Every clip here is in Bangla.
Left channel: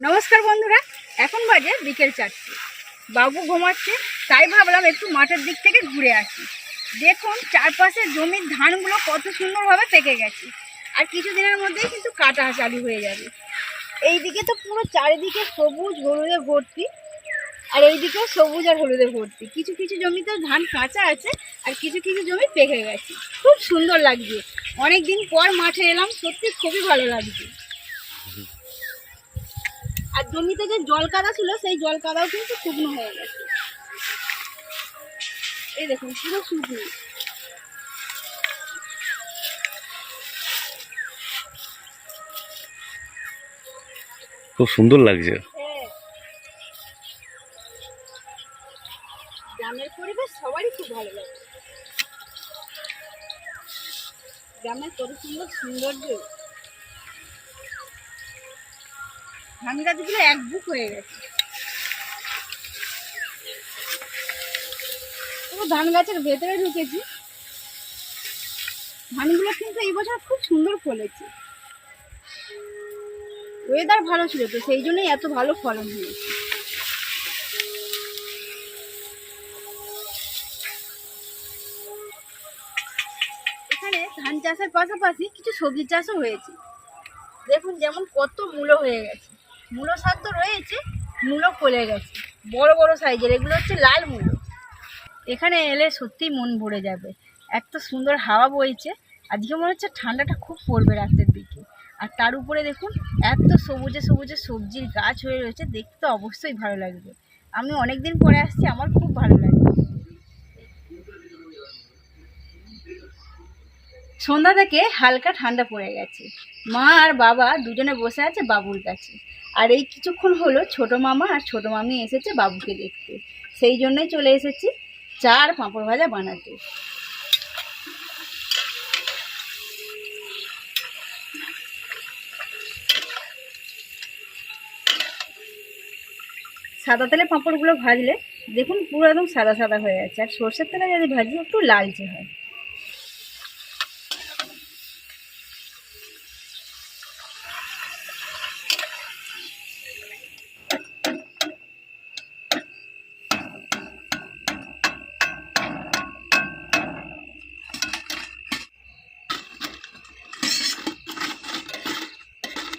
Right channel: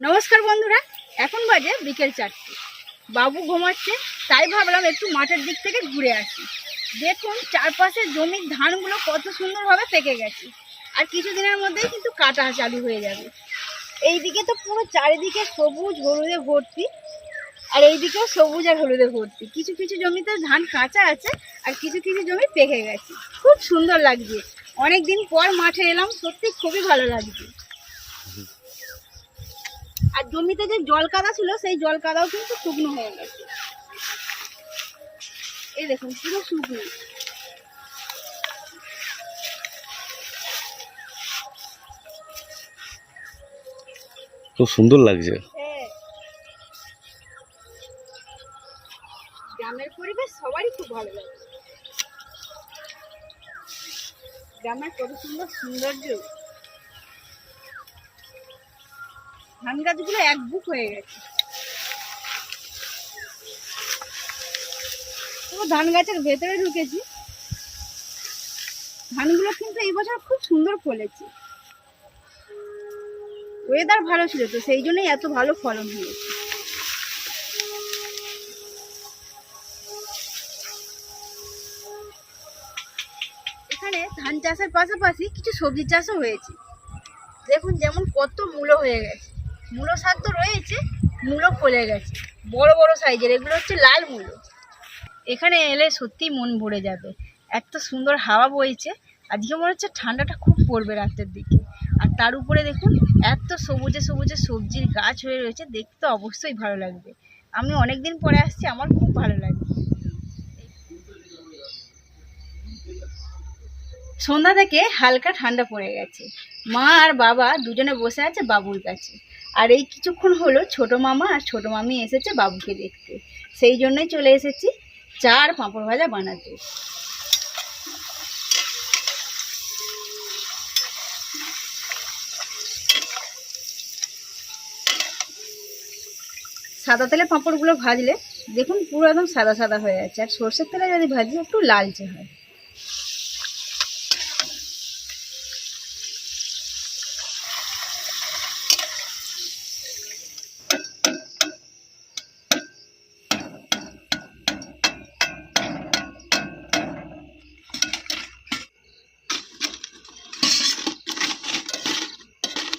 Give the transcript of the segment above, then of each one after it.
নমস্কার বন্ধুরা, এখন বাজে বিকেল চারটে। বাবু ঘুমাচ্ছে, তাই ভাবলাম একটু মাঠের দিক থেকে ঘুরে আসি। দেখুন চারপাশে জমির ধানগুলো কত সুন্দরভাবে পেকে গেছে। আর কিছুদিনের মধ্যেই কিন্তু কাটা চালু হয়ে যাবে। এইদিকে তো পুরো চারিদিকে সবুজ হলুদে ভর্তি, আর এইদিকেও সবুজ আর হলুদে ভর্তি। কিছু কিছু জমিতে ধান কাঁচা আছে, আর কিছু কিছু জমি পেকে গেছে। খুব সুন্দর লাগছে। অনেক দিন পর মাঠে এলাম, সত্যি খুবই ভালো লাগছে। আর জমিতে যে জল কাদা ছিল সেই জল কাদাও কিন্তু শুকনো হয়ে গেছে। এই দেখুন পুরো শুকনো। খুব সুন্দর লাগছে। হ্যাঁ। গ্রামের পরিবেশ সবারই খুব ভালো লাগে। গ্রামের কত সুন্দর সৌন্দর্য। ধান গাছগুলো এক বুক হয়ে গেছে। ধান গাছের ভেতরে ঢুকেছি। ধানগুলো কিন্তু এই বছর খুব সুন্দর ফলেছে। ওয়েদার ভালো ছিল তো, সেই জন্যই এত ভালো ফলন হয়েছে। এখানে ধান চাষের পাশাপাশি কিছু সবজি চাষও হয়েছে। দেখুন যেমন কত মূলো হয়ে গেছে। মূলো শাক তো রয়েছে, মূলো ফলে গেছে। বড় বড় সাইজের এগুলো হচ্ছে লাল মূলো। এখানে এলে সত্যি মন ভরে যাবে। এত সুন্দর হাওয়া বইছে, আজকে মনে হচ্ছে ঠান্ডাটা খুব পড়বে রাতের দিকে। আর তার উপরে দেখুন, এত সবুজে সবুজে সবজির গাছ হয়ে রয়েছে, দেখতে অবশ্যই ভালো লাগবে। আমি অনেক দিন পরে আসছি, আমার খুব ভালো লাগবে। সন্ধ্যা থেকে হালকা ঠান্ডা পড়ে গেছে। মা আর বাবা দুজনে বসে আছে বাবুর কাছে। আর এই কিছুক্ষণ হলো ছোট মামা আর ছোট মামি এসেছে বাবুকে দেখতে। সেই জন্যই চলে এসেছি চা আর পাঁপড় ভাজা বানাতে। সাদা তেলে পাঁপড়গুলো ভাজলে দেখুন পুরো একদম সাদা সাদা হয়ে যাচ্ছে আর সর্ষের তেলে যদি ভাজি একটু লালচে হয়।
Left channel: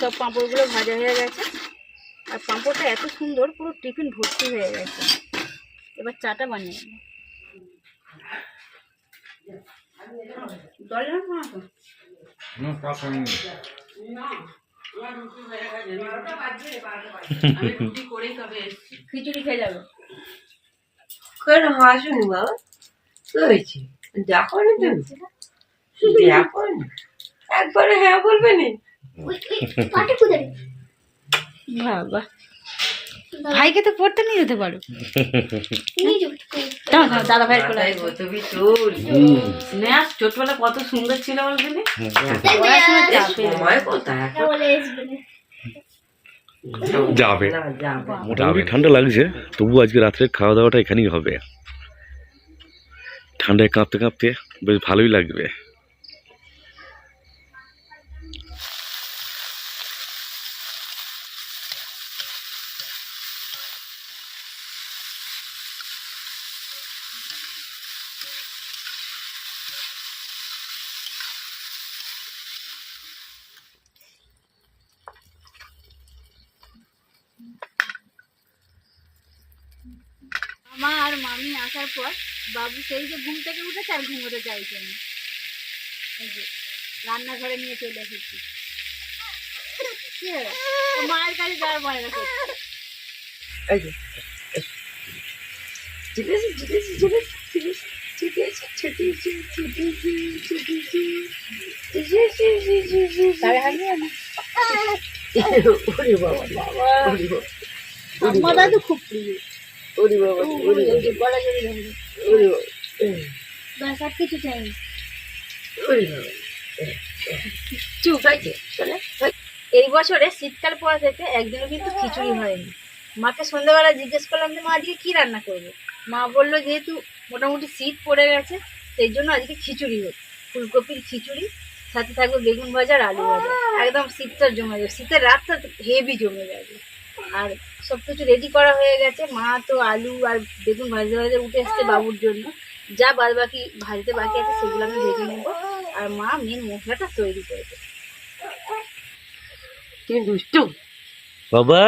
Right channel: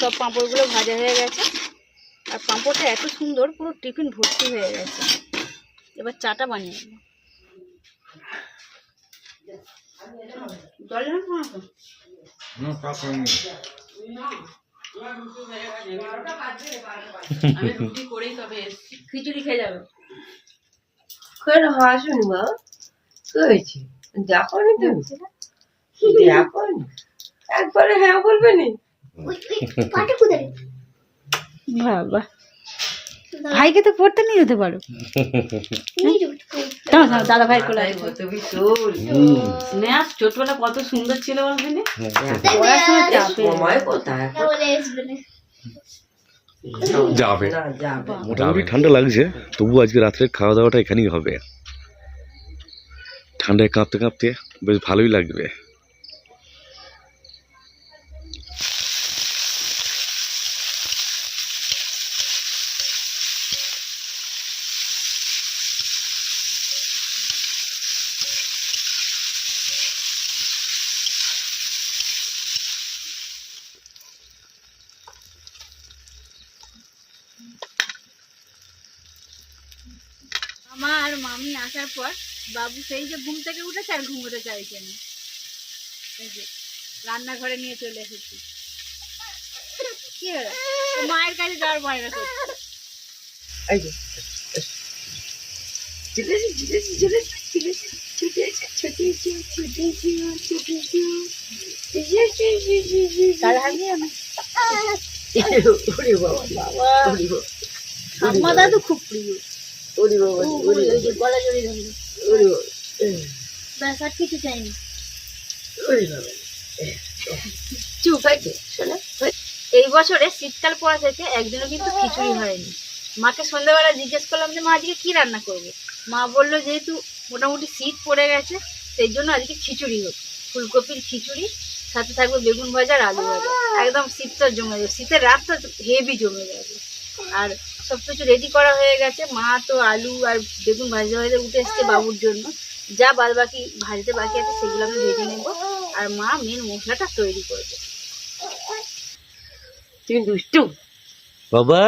সব পাঁপড়গুলো ভাজা হয়ে গেছে। আর পাঁপড়টা এত সুন্দর পুরো টিফিন ভর্তি হয়ে গেছে। এবার চাটা বানিয়ে নেব? খিচুড়ি খেয়ে যাবে। কেন হাসুনি মা দেখো নি তুমি? দেখো একবারে হ্যাঁ বলবে নি? বাবা। ভাইকে তো পড়তে নিয়ে যেতে পারো। দাদা ছোটবেলা কত সুন্দর ছিল যাবে। মোটামুটি ঠান্ডা লাগছে তবু আজকে রাত্রে খাওয়া দাওয়াটা এখানেই হবে। ঠান্ডায় কাঁপতে কাঁপতে বেশ ভালোই লাগবে। মামা আর মামি আসার পর বাবু সেই যে ঘুম থেকে উঠেছে আর ঘুমোতে চাইছে না। এই যে রান্নাঘরে নিয়ে চলে এসেছি। কি হলো? মায়ের কাছে যাওয়ার বায়না করছে এই যে ওরে বাবা বাবা বাবা। দাদু খুব প্রিয়। ওরে বাবা ওরে গলা জড়ি ধরলো। ওরে বাবা ব্যাস আর কিছু চাইনি। ওরে বাবা চুপ হয়েছে শোনা এই বছরে শীতকাল পড়া থেকে একদিনও কিন্তু খিচুড়ি হয়নি। মাকে সন্ধ্যাবেলা জিজ্ঞেস করলাম যে মা আজকে কি রান্না করবে? মা বলল যেহেতু মোটামুটি শীত পড়ে গেছে সেই জন্য আজকে খিচুড়ি হোক। ফুলকপির খিচুড়ি সাথে থাকবে বেগুন ভাজা আর আলু ভাজা। একদম শীতটা জমে যাবে শীতের রাতটা হেভি জমে যাবে। আর সব কিছু রেডি করা হয়ে গেছে। মা তো আলু আর বেগুন ভাজতে ভাজতে উঠে এসছে বাবুর জন্য। যা বাদ বাকি ভাজতে বাকি আছে সেগুলো আমি ভেজে নেব। আর মা মেন মশলাটা তৈরি করবে। তুমি দুষ্টু। বাবা?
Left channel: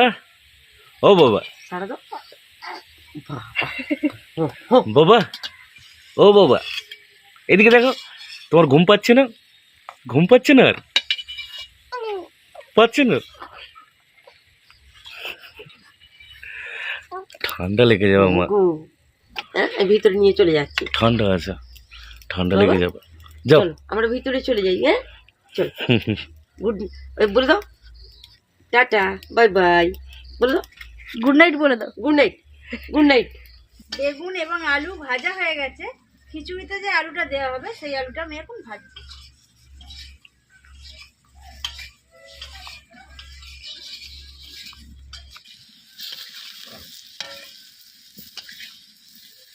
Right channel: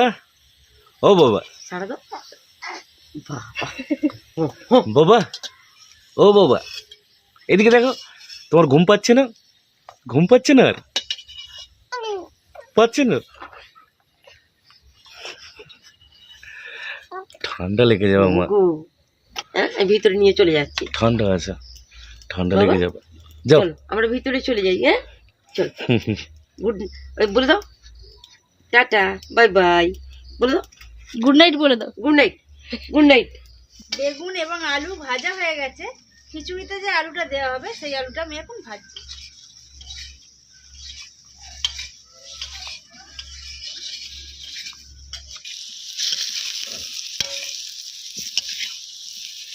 ও বাবা। সারা দাও বাবা? ও বাবা। এদিকে দেখো তোমার ঘুম পাচ্ছে না? ঘুম পাচ্ছে না আর? পাচ্ছে না? ঠান্ডা লেগে যাবে মা গু। হ্যাঁ ভিতরে নিয়ে চলে যাচ্ছি। ঠান্ডা আছে ঠান্ডা লেগে যাবে। যাও। চলো আমরা ভিতরে চলে যাই হ্যাঁ? চল। গুড বলে দাও। Tata bye bye. বলে দাও। গুড নাইট বলে দাও। Good night good night. বেগুন এবং আলু ভাজা হয়ে গেছে। খিচুড়িতে যে আলুটা দেওয়া হবে সেই আলুটা আমি এখন ভাজছি।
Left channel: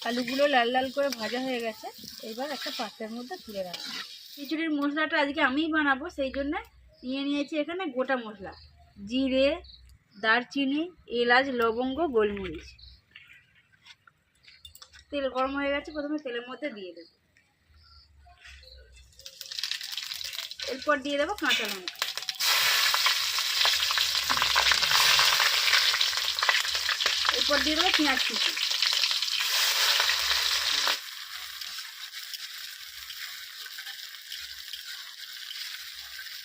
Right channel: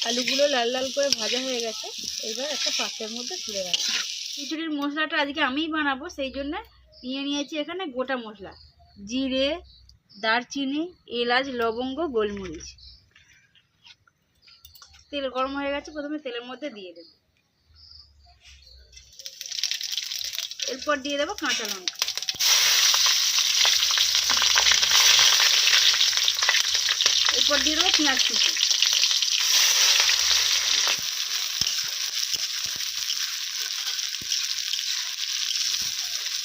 আলুগুলো লাল লাল করে ভাজা হয়ে গেছে। এবার একটা পাত্রের মধ্যে তুলে রাখছি খিচুড়ির মশলাটা আজকে আমিই বানাবো, সেই জন্য নিয়ে নিয়েছি এখানে গোটা মশলা। জিরে, দারচিনি, এলাচ, লবঙ্গ, গোলমরিচ। তেল গরম হয়ে গেছে, প্রথমে তেলের মধ্যে দিয়ে দেবো। এরপর দিয়ে দেবো কাঁচা লঙ্কা। এরপর দিয়ে দেবো পেঁয়াজ কুচি।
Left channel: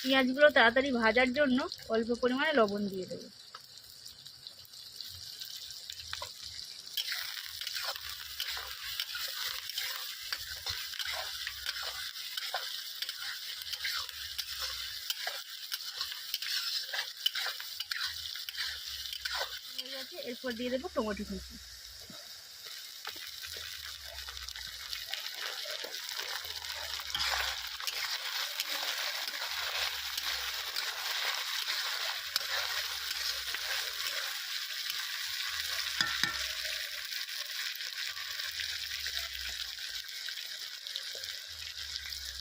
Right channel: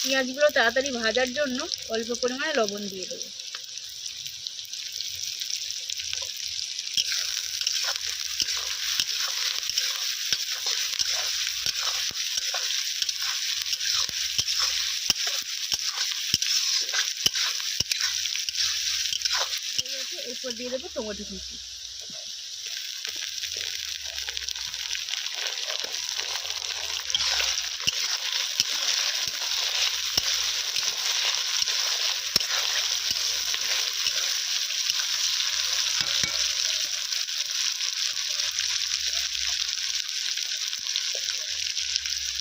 পেঁয়াজগুলো তাড়াতাড়ি ভাজার জন্য অল্প পরিমাণে লবণ দিয়ে দেবো। এরপর দিয়ে দেবো টমেটো কুচি।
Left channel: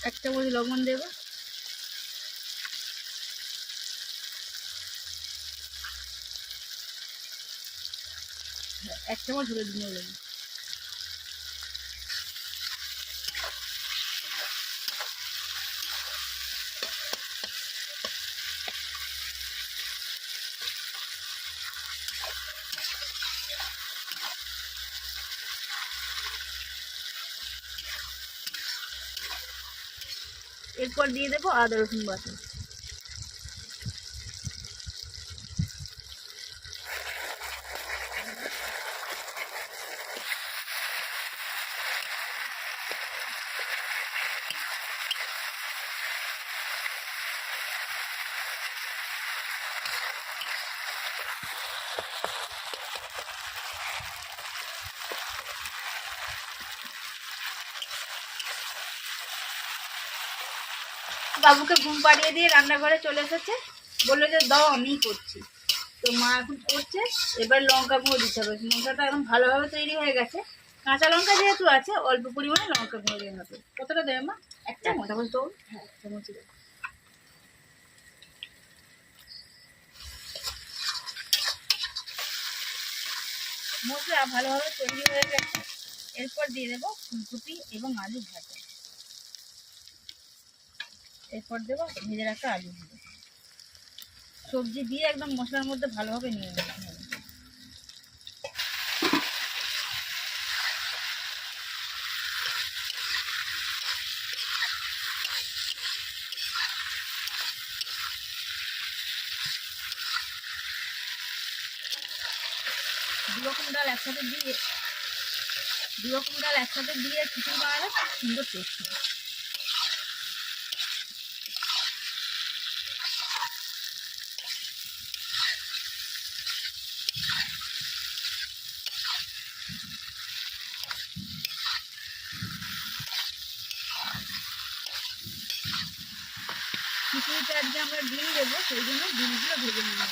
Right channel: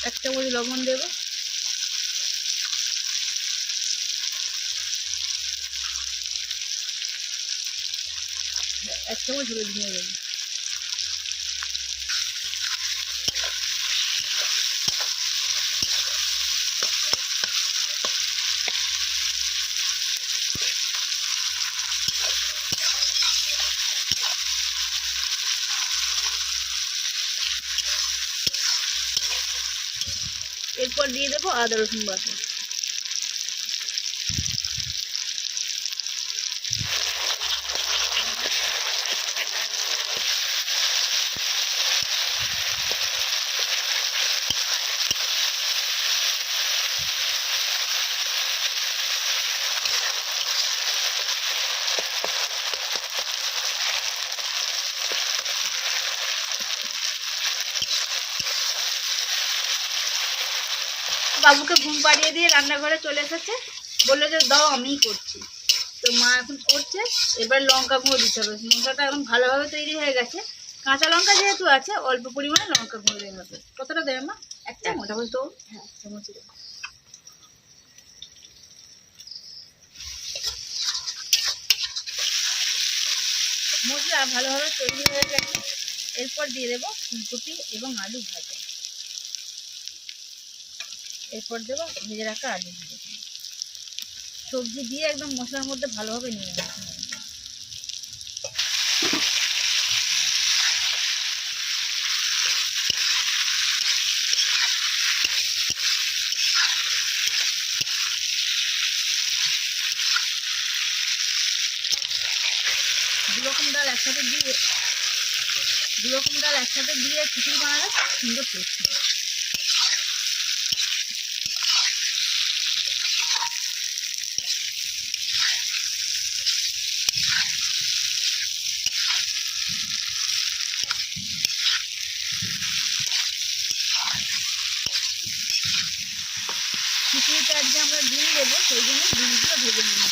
এক চামচ লবণ দেবো। এক চামচ হলুদ নিয়ে দেবো। এরপর দিয়ে দেবো আদা রসুন বাটা। বাবুকে ঘুম পাড়িয়ে দিয়ে রান্নাঘরে চলে এসেছে। বলল যে দাও আমিই করছি। তো মা এখন করছে। এবার লঙ্কা গুঁড়ো দিতে হবে। লঙ্কাটা এখন ভালোভাবে তৈরি হয়ে গেছে। কাঁচা লঙ্কা যেহেতু আছে অল্প পরিমাণে লঙ্কা গুঁড়ো দেওয়া হবে। কতটা দেবে মা? এক চামচ? চামচ তো হ্যাঁ এক চামচ মশলা ভালোভাবে তৈরি হয়ে গেছে। এরপর দিয়ে দেবো ফুলকপি এবং আলু ভাজা। এরপর দেবো, ভেজে রাখা আলু সবজি দিয়ে একদম মশলার মধ্যে ভালোভাবে নিয়ে নিতে হবে দু রকম ডাল একসাথে দিয়ে দু রকম ডাল একসাথে দিয়ে খিচুড়ি বানালে সুন্দর টেস্ট খিচুড়িতে আজকে আমরা ডিম দেবো সেই জন্য ডিমগুলো ভেজে নিয়ে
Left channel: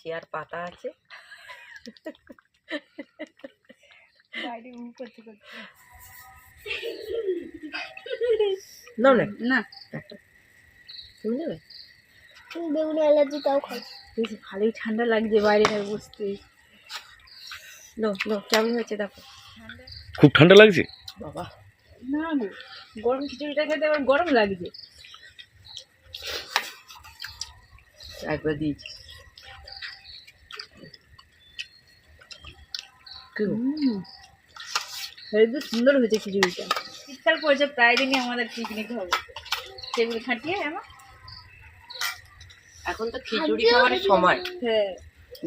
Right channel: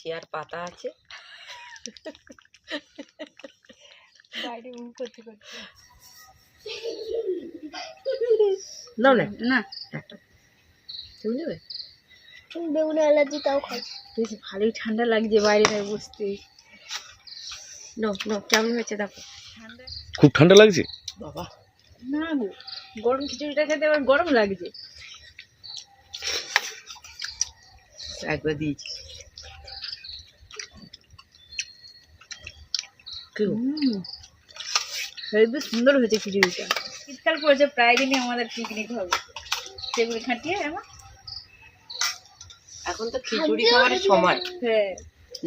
চেয়ার পাতা আছে। বাইরে মুখ করতে করতে। নাও না। না। একটা। তুমি নেবে? বেগুনি অ্যালার্জি তাও খাই বেশ ভালোই ঠান্ডা লাগছে বাইরে বসতে। নো নো কেমন হয়েছে দেখো। ঠান্ডা। খুব ঠান্ডা লাগছে? বাবা। না গো গরম খিচুড়িটা খেতে আবার গরম লাগছে। একবার দিয়েছি কি গো? হুম হেবি সুন্দর হয়েছে খিচুড়িটা। শীতকাল পড়েছে প্রায় দিনই আমাদের পিকনিক হবে। সেগুলি খাটিয়ে আমার এখন তো খিচুড়ি খাওয়ার সময়। হ্যাঁ।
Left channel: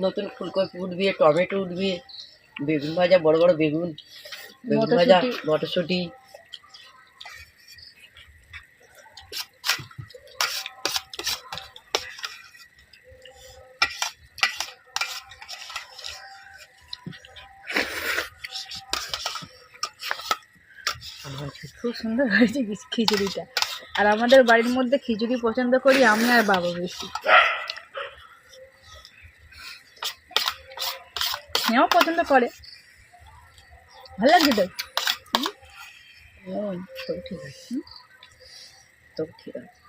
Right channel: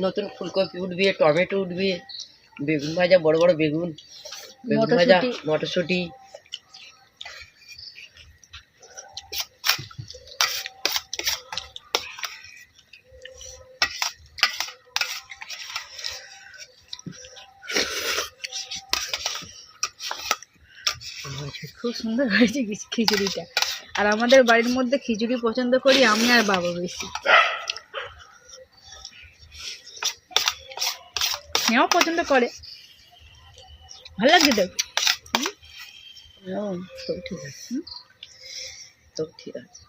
নতুন ফুলকপি উঠবে টমেটো উঠবে বেগুন ভাজা বড় বড় বেগুন বেগুন ভাজা মটরশুঁটি। সুন্দর হয়েছে খিচুড়িটা। আর আমাদের বাড়ির মধ্যে খিচুড়ি পছন্দ করি আমি আর বাবা বেশি। স্নেহ পছন্দ করে। ভালো লাগছে তো? ঠিক আছে? তো ঠিক আছে।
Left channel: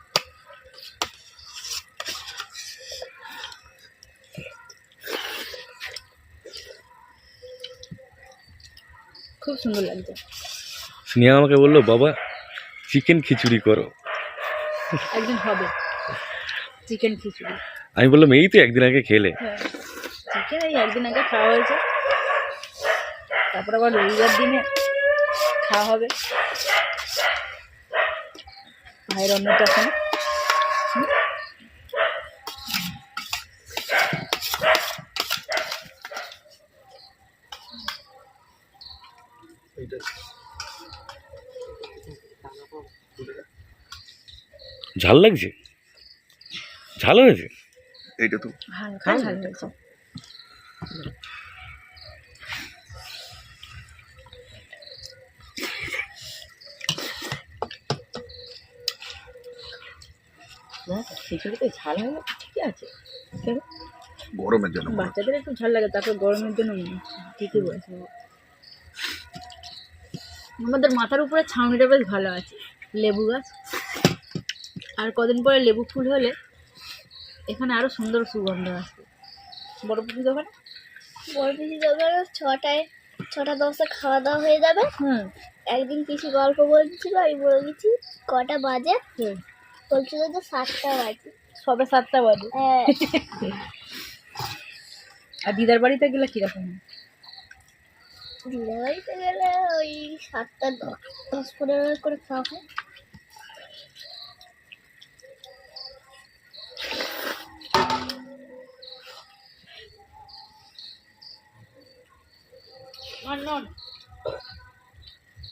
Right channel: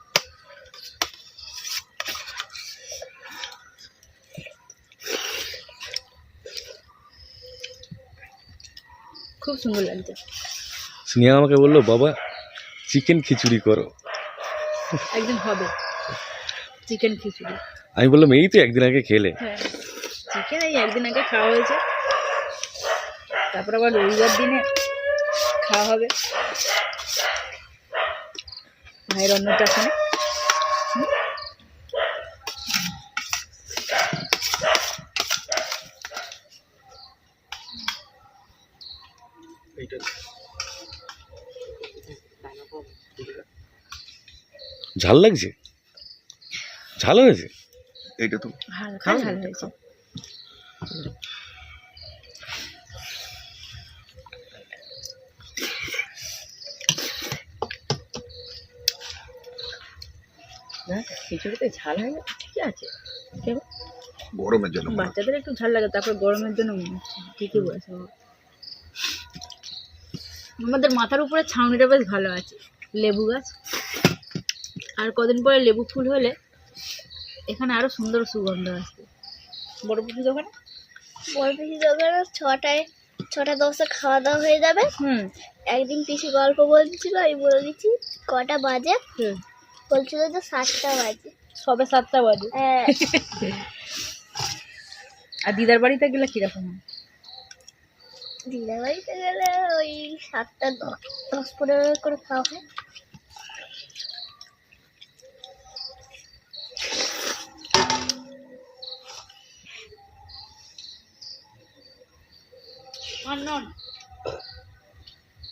খুব সুন্দর লাগছে। স্নেহা আমাকে বলল বাবা চিকেন খিচুড়ি করো। একদিন হবে। চিকেন খিচুড়ি। আমি বললাম এই তো একদিন আগে খেলে। হ্যাঁ চিকেন এই একদিন আগে খাওয়া হয়েছে। তারপর আবার রবিবার দিনে খাওয়া হবে। ভাইয়ের অন্নপ্রাশনে। ঝাল লাগছে? ঝাল হয়েছে? এইটা তো। হালকা ঝাল হয়েছে। না খিচুড়িতে ঝাল হয় না ঠিকই আছে। গরমের জন্য। বাচ্চাদের একটু ঝাল লাগে তারপর গরমের জন্য ঠিকই বলেছে আমাদের মাথার উপরে ছাউনিটা বেশ ভালো আছে। লেবু গাছ। আর কদিন পরে লেবু ফুল হলে এখানে আরও সুন্দর সুগন্ধ আসবে। বড় পুকুর দোকানে বড় পিসি দোকানে ছটায় ছটা দশটা খাওয়া দাওয়া হয়ে যাবে। হুম। একদিন পিসি গল্প বলছিল আমি বলে দিচ্ছি কটা বাজে? হুম। বলছিল যে সাতটা বাজে। সবে সাতটা বাজে। হ্যাঁ। আর দিদার বাড়িতে গেলে কীরকম দিদার বাড়িতে গেলে ওই সাতটা দশ দশ পনেরো করে খাওয়া হয়। unknown.